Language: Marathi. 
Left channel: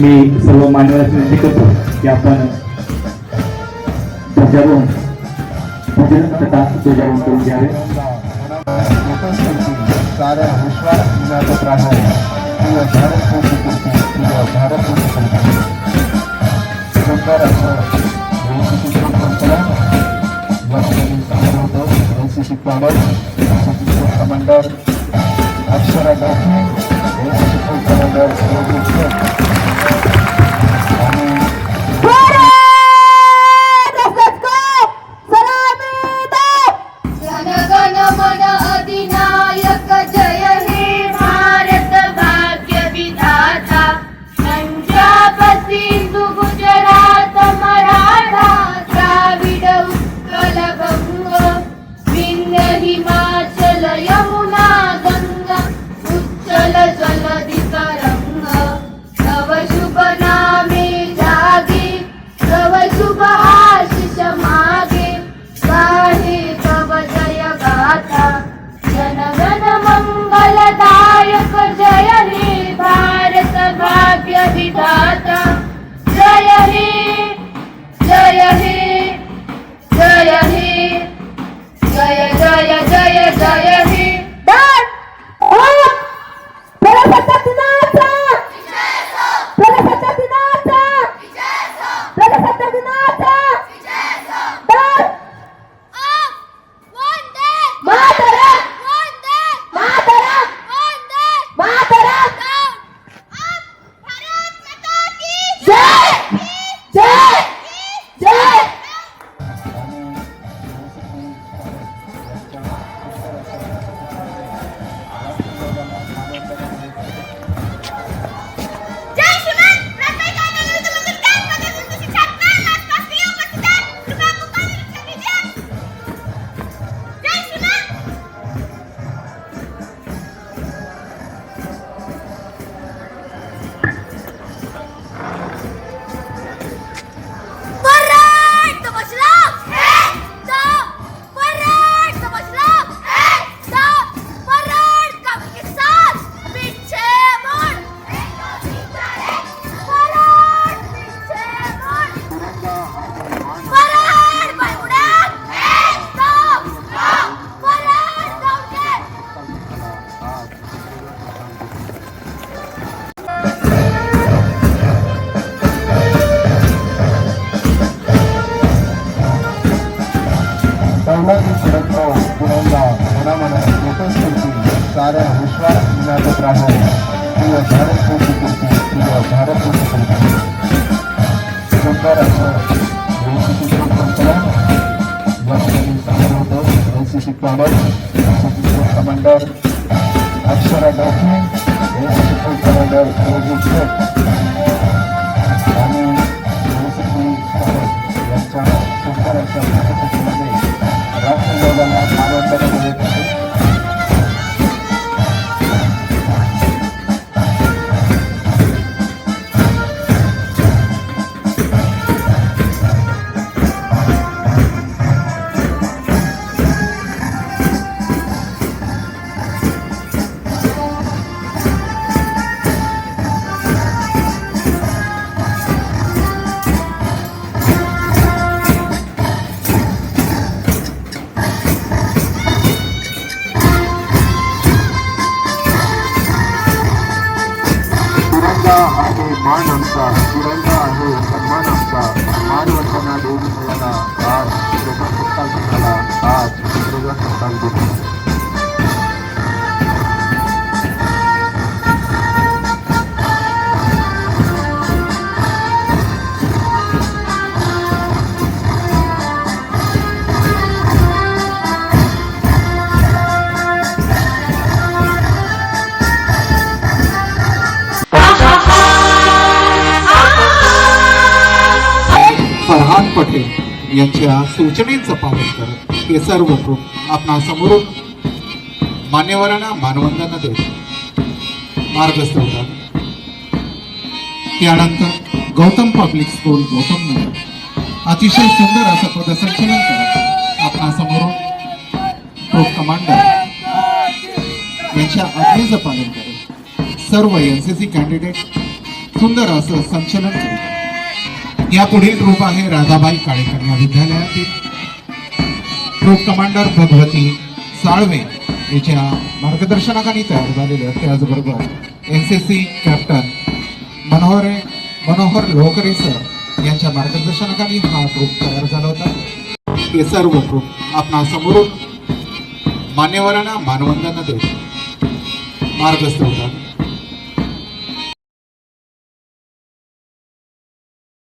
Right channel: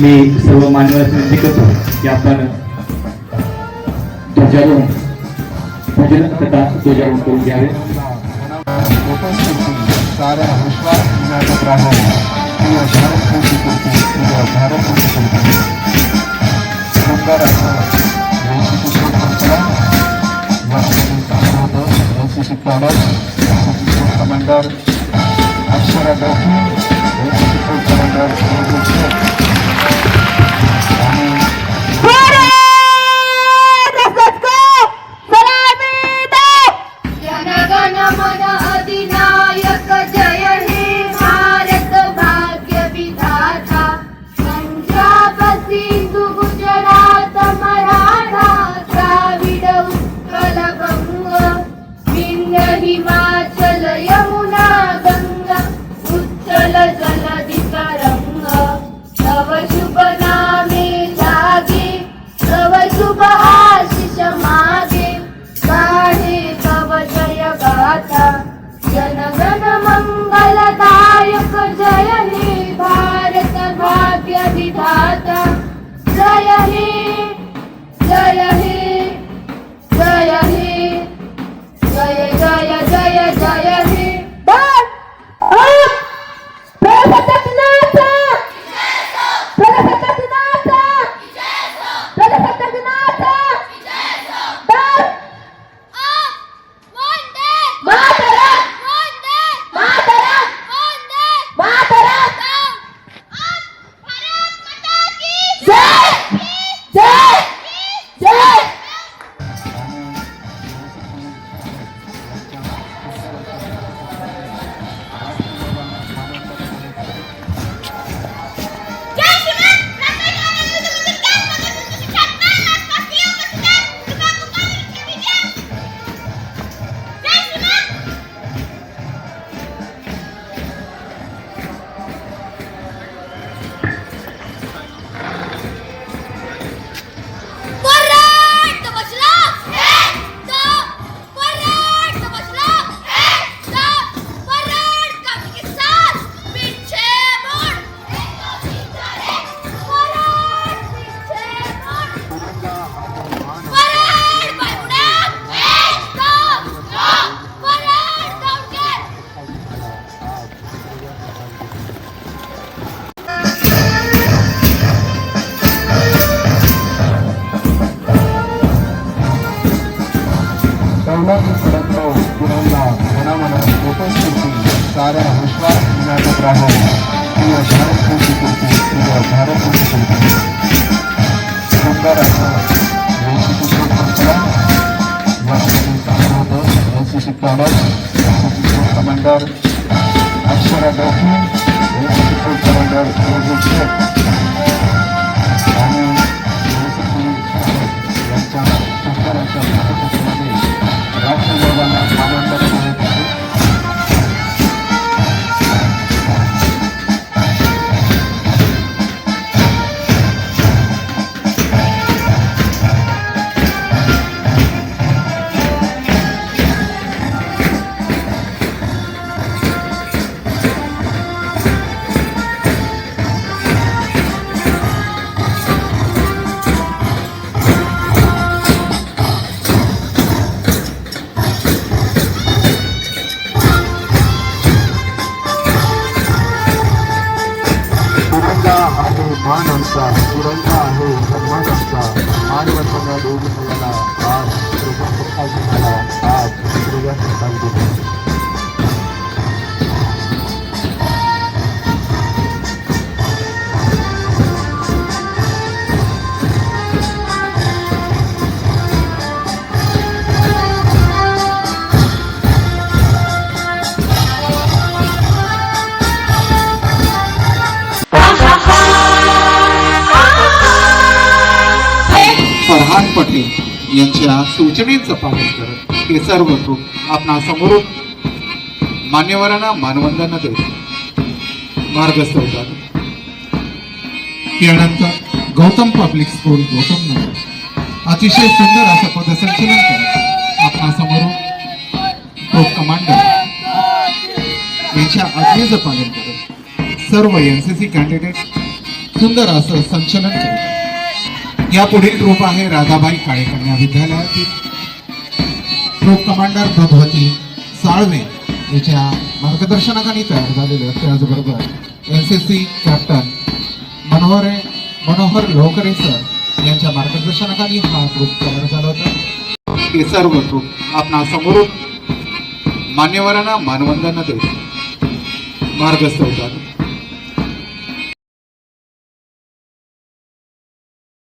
मी सर्व मान्यवरांची विनंती करतो की आपण ध्वजारोहण भजन तथा ध्वजारोहण करून घ्यावे. कारण विश्वास ज्ञात राहो किंवा भारत किंवा भारत सुंदर असं कमांडर अक्षरा कारण विश्वास ज्ञात राहो किंवा भारत सुंदर असं कमांडर अक्षरा कमांडर मान आमचा तिरंगा आहे सन्मान आमचा मानवंतांना देऊन मिळाला आज प्रजासत्ताक झाला आज प्रजासत्ताक दिवस. पटेल यांच्या सूचनेचं पालन करत हे सर्व ग्रुप आपणा समोरून मान्यवरांना मानवंदना देतो मार्गस्थ होतात. यानंतर गौतम पब्लिक स्कूल गौतम नगर अतिशय सुंदर असं पदसंचलन करत आपणा समोरून ग्रुप कमांडर यांच्या आज्ञेचं पालन करत सर्व एनसीसी कॅन्डिडेट सुंदर असं संचलन करतात. या पुढील ग्रुप आहे राधाबाई काळे कन्या विद्यालयातील ग्रुप कमांडर भगवती साळवे याच्या मार्गदर्शनाखाली तयार झालेले आहेत. त्याचबरोबर NCC कॅप्टन मनोहर लोकरे सर यांच्या मार्गदर्शनाखाली हा ग्रुप तयार झाला होता. हे सर्व ग्रुप आपणा समोरून मान्यवरांना मानवंदना देतात, मार्गस्थ होतात.